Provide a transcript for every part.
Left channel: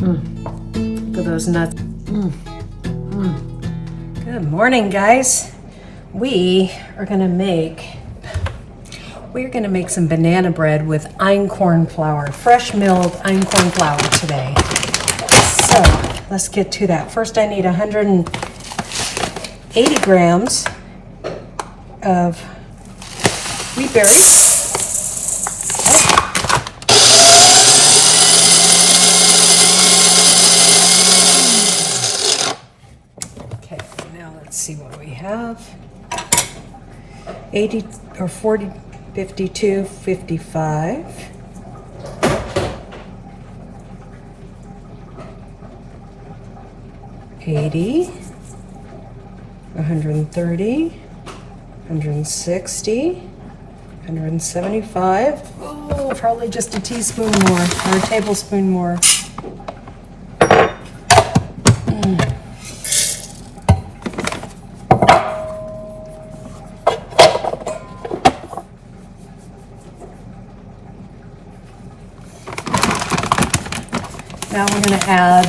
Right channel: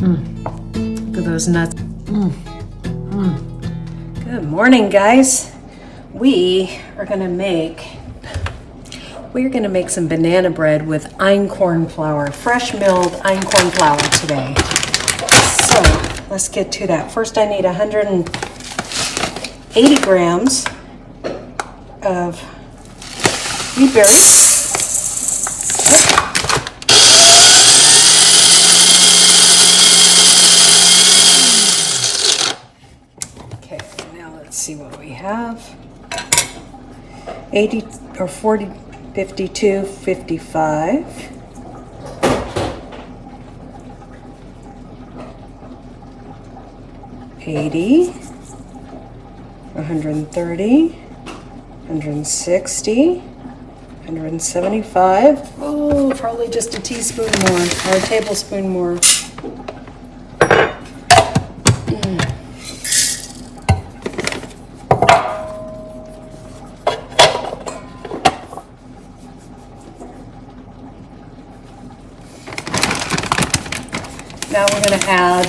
Look at those nuts. Good morning, guys. We're gonna make some banana bread with einkorn flour, fresh milled einkorn flour today. So let's get to that. First, I need 180 grams of wheat berries. Okay, now let's see what we have. 80 or 40, 52, 55. $80, $130, $160, $175. Oh, probably just a teaspoon more or a tablespoon more. Now we're going to add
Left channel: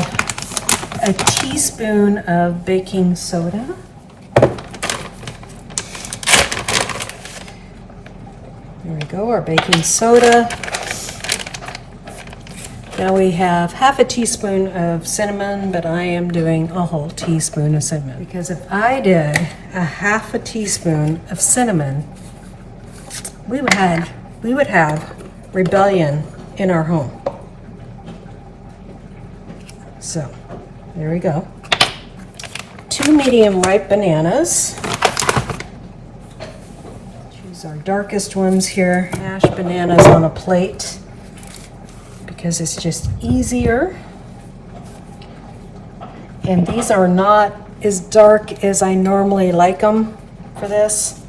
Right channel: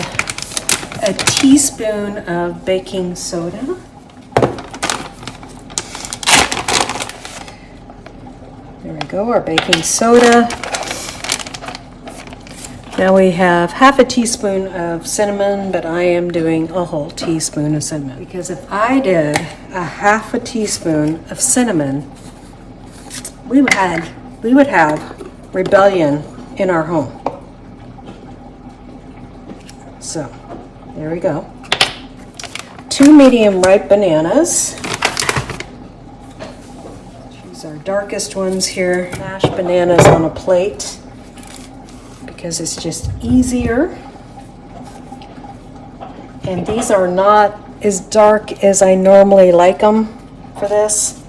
a teaspoon of baking soda. There we go, our baking soda. Now we have half a teaspoon of cinnamon, but I am doing a whole teaspoon of cinnamon. Because if I did a half a teaspoon of cinnamon, we would have rebellion in our home. So, there we go. 2 medium ripe bananas. Choose our darkest ones here. Mash bananas on a plate because it's just easier. And these are not as dark as I normally like them for this,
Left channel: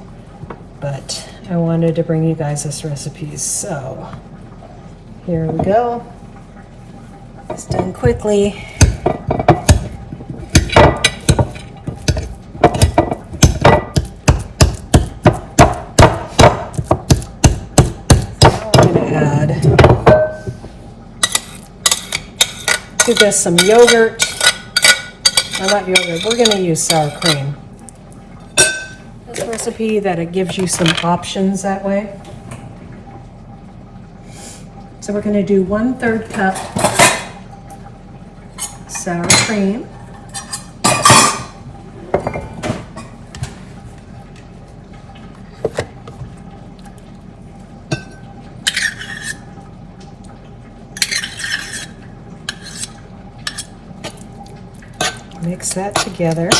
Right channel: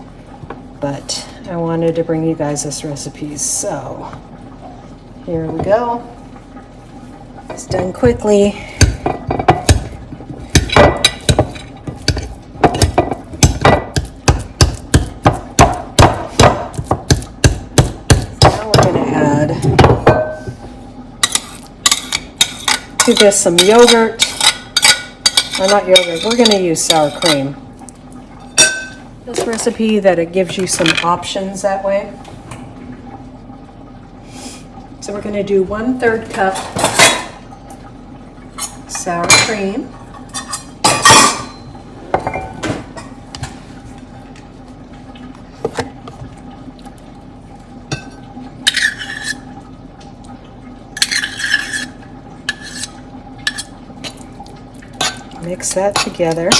but I wanted to bring you guys this recipe. So, here we go. It's done quickly. Now we're going to add to this some yogurt. Or not yogurt, we're going to use sour cream. This recipe that it gives you some options that way. So we're going to do 1/3 cup sour cream. Mix that together.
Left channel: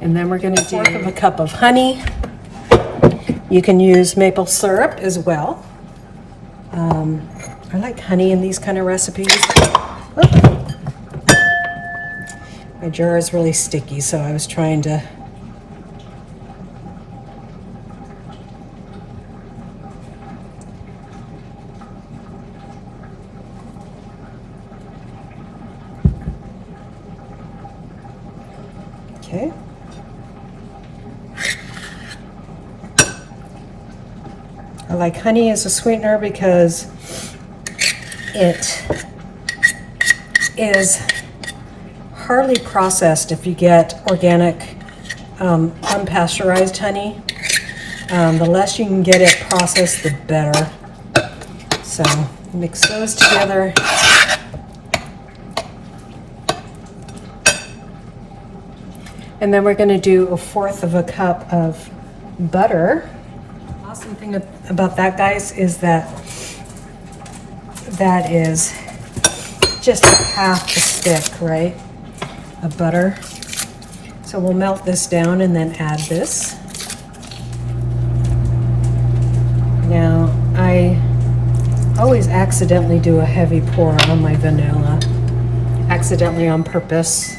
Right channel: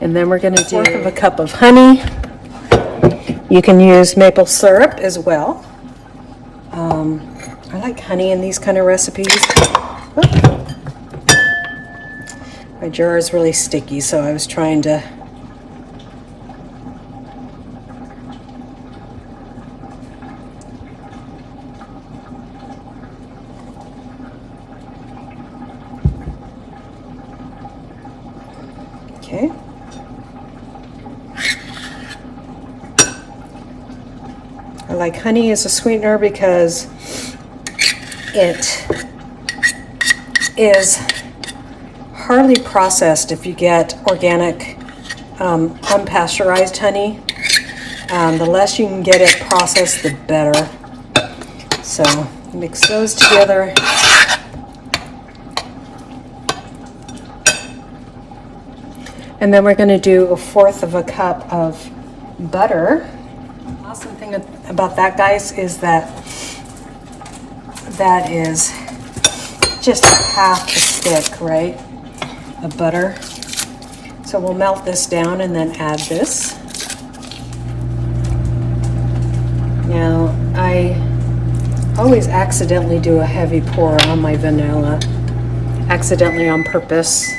And then we're going to do 1/4 cup of honey. You can use maple syrup as well. I like honey in these kind of recipes. My jar is really sticky, so I was trying to okay. I like honey as a sweetener because it is hardly processed if you get organic, unpasteurized honey. The less you can get it processed, the better. So mix those together. And then we're going to do 1/4 cup of butter. Awesome thing about that, guys, is that is just half a stick, right, of butter. So we'll melt this down and then add this. Now, I always accidentally do a heavy pour on my vanilla, accidentally on purpose.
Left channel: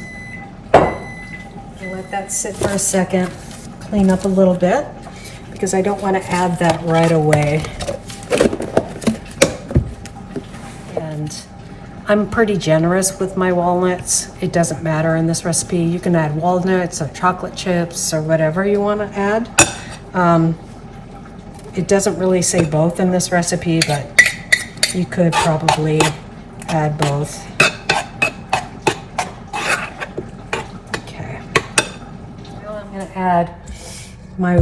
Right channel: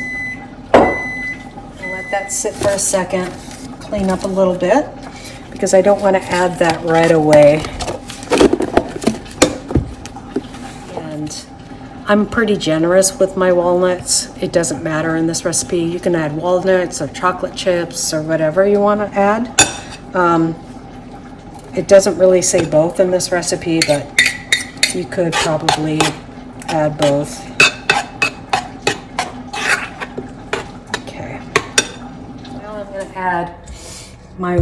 I'll let that sit for a second, clean up a little bit, because I don't want to add that right away. And I'm pretty generous with my walnuts. It doesn't matter in this recipe. You can add walnuts or chocolate chips or whatever you want to add. It doesn't really say both in this recipe, but you could probably add both. Okay. Now I'm going to add my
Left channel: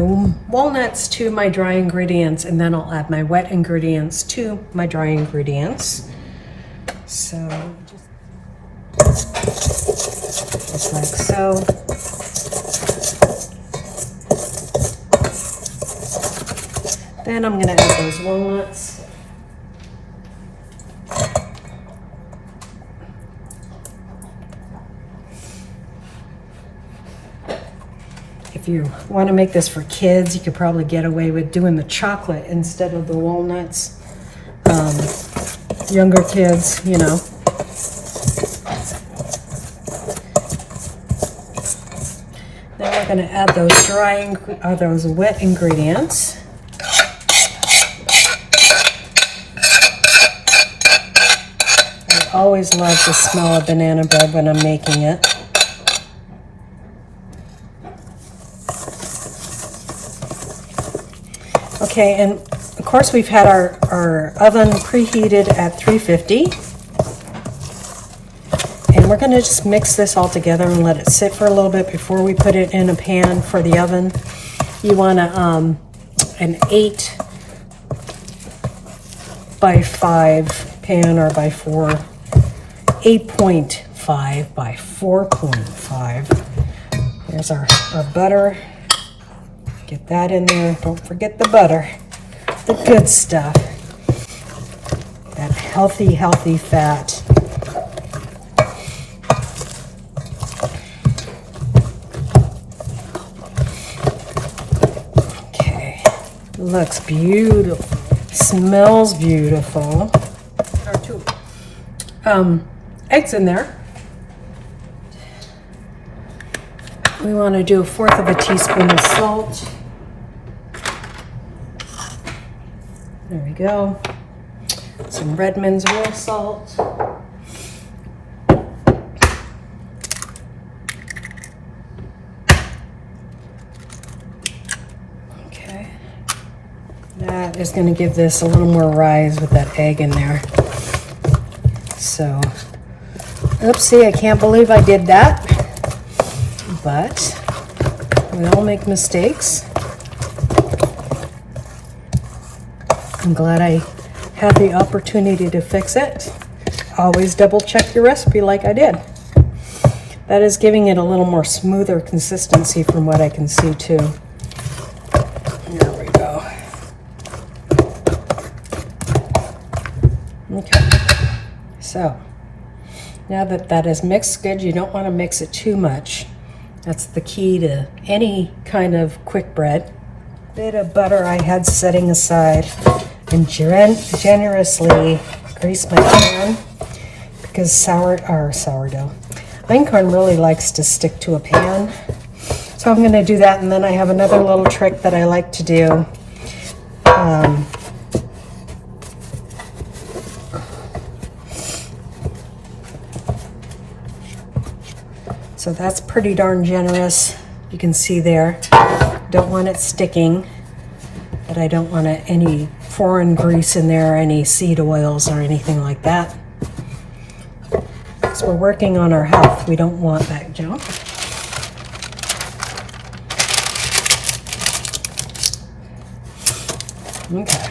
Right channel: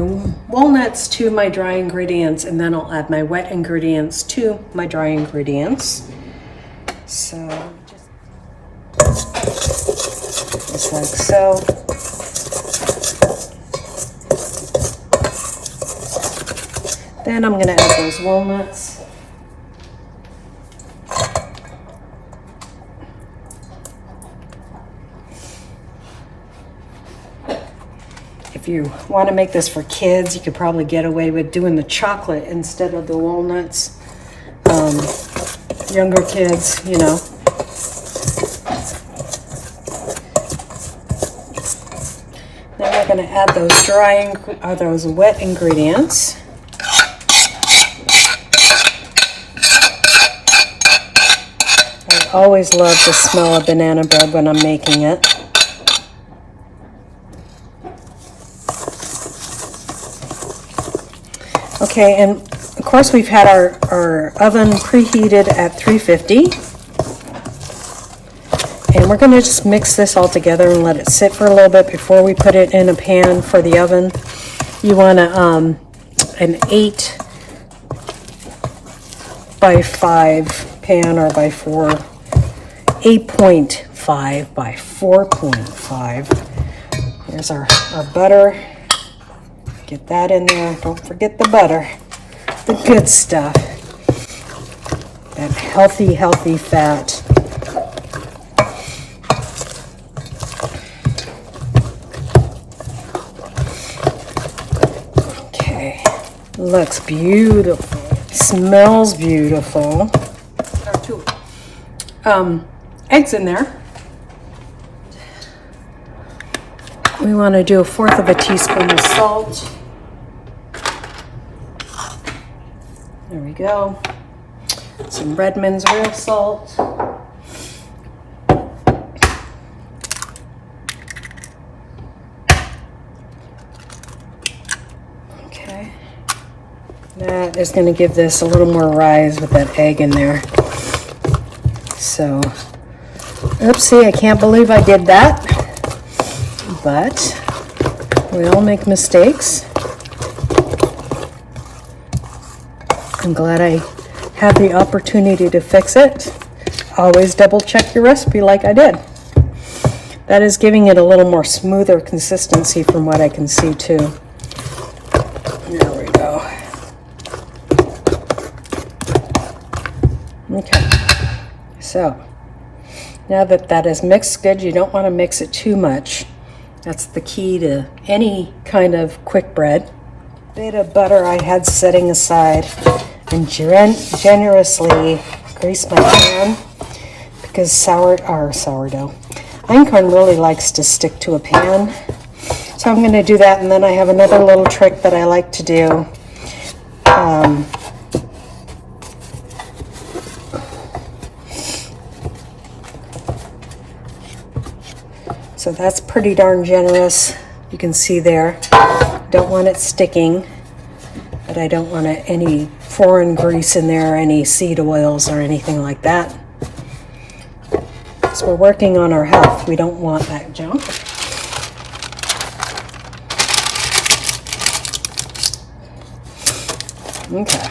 walnuts to my dry ingredients, and then I'll add my wet ingredients to my dry ingredients. So just like so. Then I'm going to add those walnuts. If you want to make this for kids, you could probably get away with doing the chocolate instead of the walnuts. Younger kids, you know. Then we're going to add those wet ingredients. I always love the smell of banana bread when I'm making it. Okay, and of course we've had our oven preheated at 350. And we're going to just mix this all together and let it sit for a little bit before we put it in a pan for the oven. You want an 8 by 5 pan, or by 4, 8.5 by 4.5. Here's our butter. Get that in there. Don't forget the butter. The good stuff. That healthy, healthy fat. Okay. Looks beautiful. Smells beautiful. Eggs in there. We want to do 1/4 of a teaspoon of salt. There we go. Some Redmond's real salt. Okay. That is going to give this a little more rise with that egg in there. So, oopsie, I can't believe I did that. But we all make mistakes. I'm glad I had the opportunity to fix it. Always double check your recipe like I did. That is giving it a little more smoother consistency from what I can see too. There we go. Okay. So, now that that is mixed good, you don't want to mix it too much. That's the key to any kind of quick bread. Bit of butter I had setting aside, and generously grease my pan because sourdough. Einkorn really likes to stick to a pan. So I'm going to do that, and then I have another little trick that I like to do. So that's pretty darn generous. You can see there. Don't want it sticking, but I don't want any foreign grease in there, any seed oils or anything like that. So we're working on our health. We don't want that junk. Okay.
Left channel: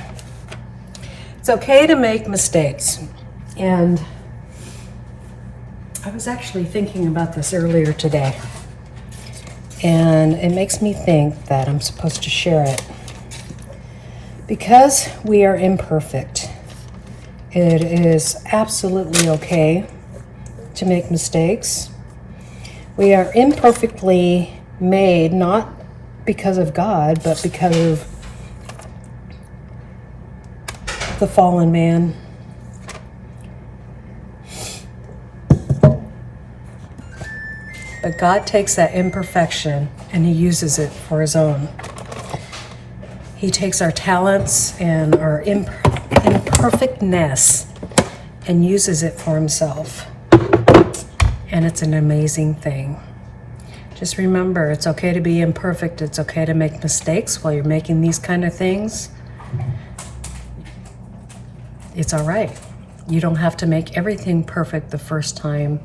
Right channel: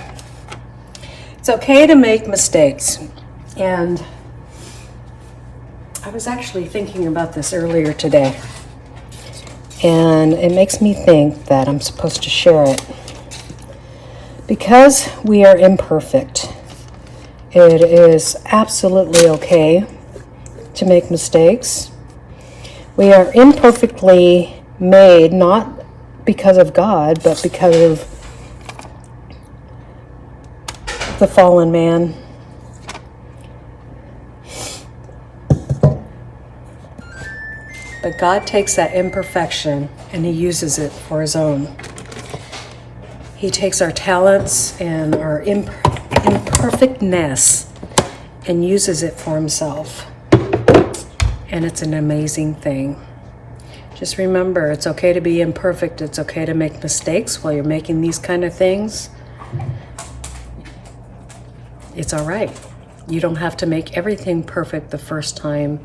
It's okay to make mistakes. And I was actually thinking about this earlier today, and it makes me think that I'm supposed to share it. Because we are imperfect, it is absolutely okay to make mistakes. We are imperfectly made, not because of God, but because of the fallen man. But God takes that imperfection and He uses it for His own. He takes our talents and our imperfectness and uses it for Himself. And it's an amazing thing. Just remember, it's okay to be imperfect. It's okay to make mistakes while you're making these kind of things. it's all right. You don't have to make everything perfect the first time.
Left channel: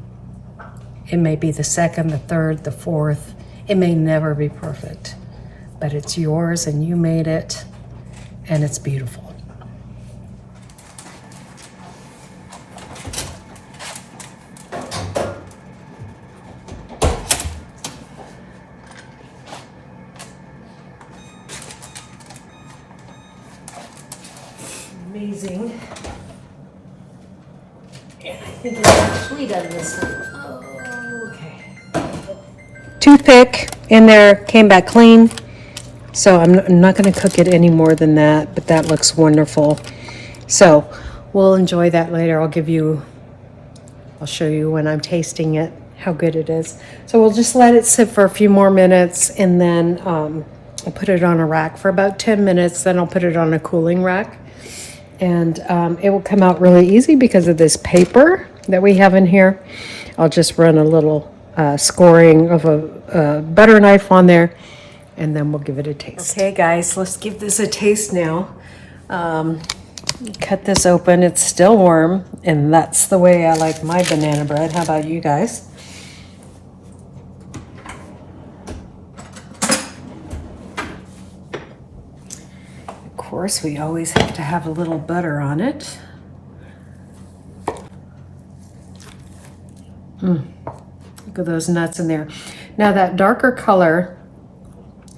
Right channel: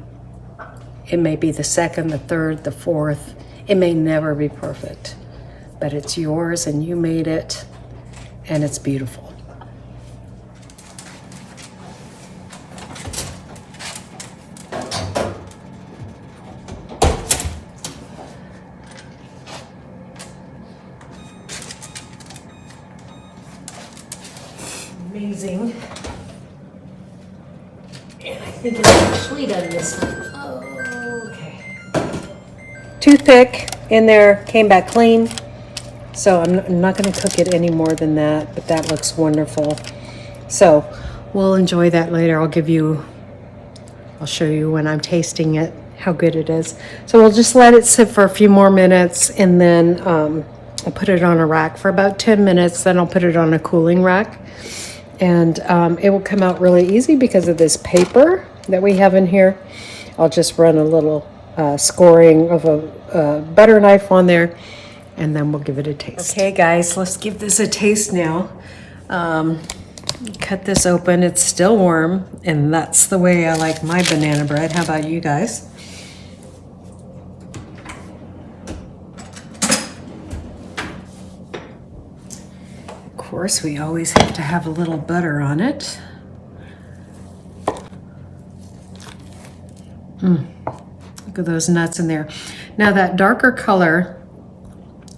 It may be the second, the third, the fourth. It may never be perfect, but it's yours and you made it, and it's beautiful. Amazing. And I think it's actually done this one. Oh, okay. Toothpick in there, came back clean. So I'm not going to cook it any more than that, but that looks wonderful. So we'll enjoy that later. I'll show you when I'm tasting it, how good it is. So we'll just let it sit for a few more minutes, and then I'll put it on a rack for about 10 minutes. Then I'll put it on a cooling rack. And it will come out really easy because of this paper that we have in here. I'll just run a little scoring of a butter knife on there, and then we'll give it a taste. Okay guys, let's give this a taste now. Cut this open, it's still warm, and that's the way I like my banana bread. How about you guys? Of course, we always have to have a little butter on it. Look at those nuts in there. Now that darker color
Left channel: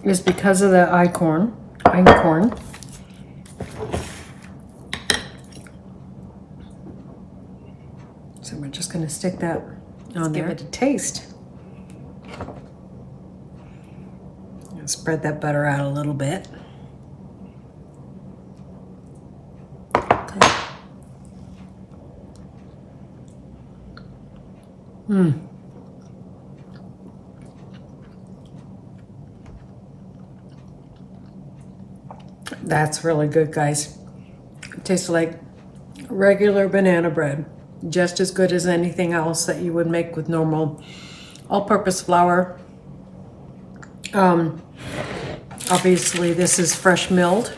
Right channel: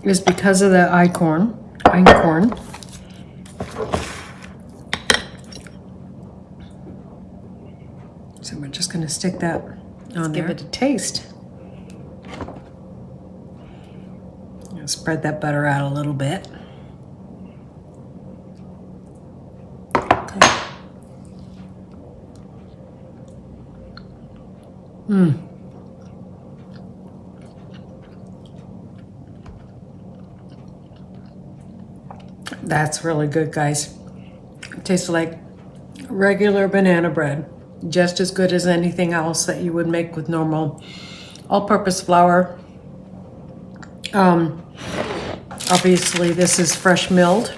is because of the einkorn. So we're just going to stick that on there. Give it a taste. Spread that butter out a little bit. That's really good, guys. It tastes like regular banana bread, just as good as anything else that you would make with normal all-purpose flour. Obviously, this is fresh milled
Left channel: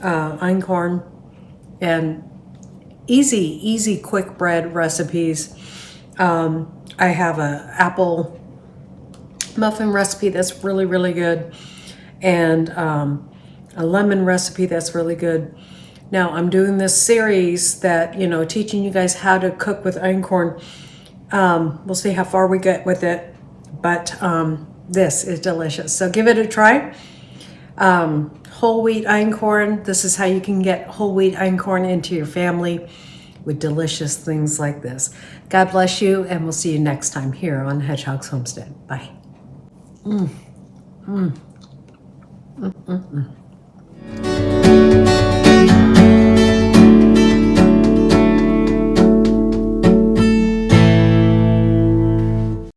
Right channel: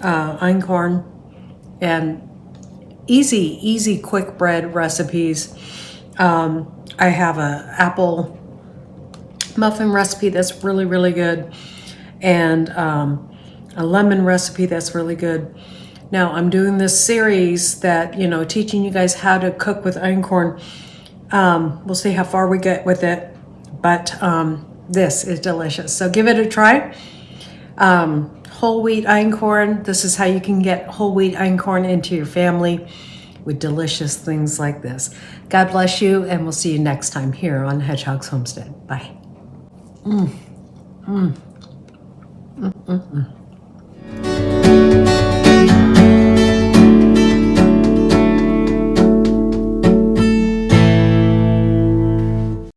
einkorn, and easy, quick bread recipes. I have a apple muffin recipe that's really good, and a lemon recipe that's really good. Now I'm doing this series that, teaching you guys how to cook with einkorn. We'll see how far we get with it, but this is delicious. So give it a try. Whole wheat einkorn. This is how you can get whole wheat einkorn into your family with delicious things like this. God bless you, and we'll see you next time here on Hedgehog's Homestead. Bye.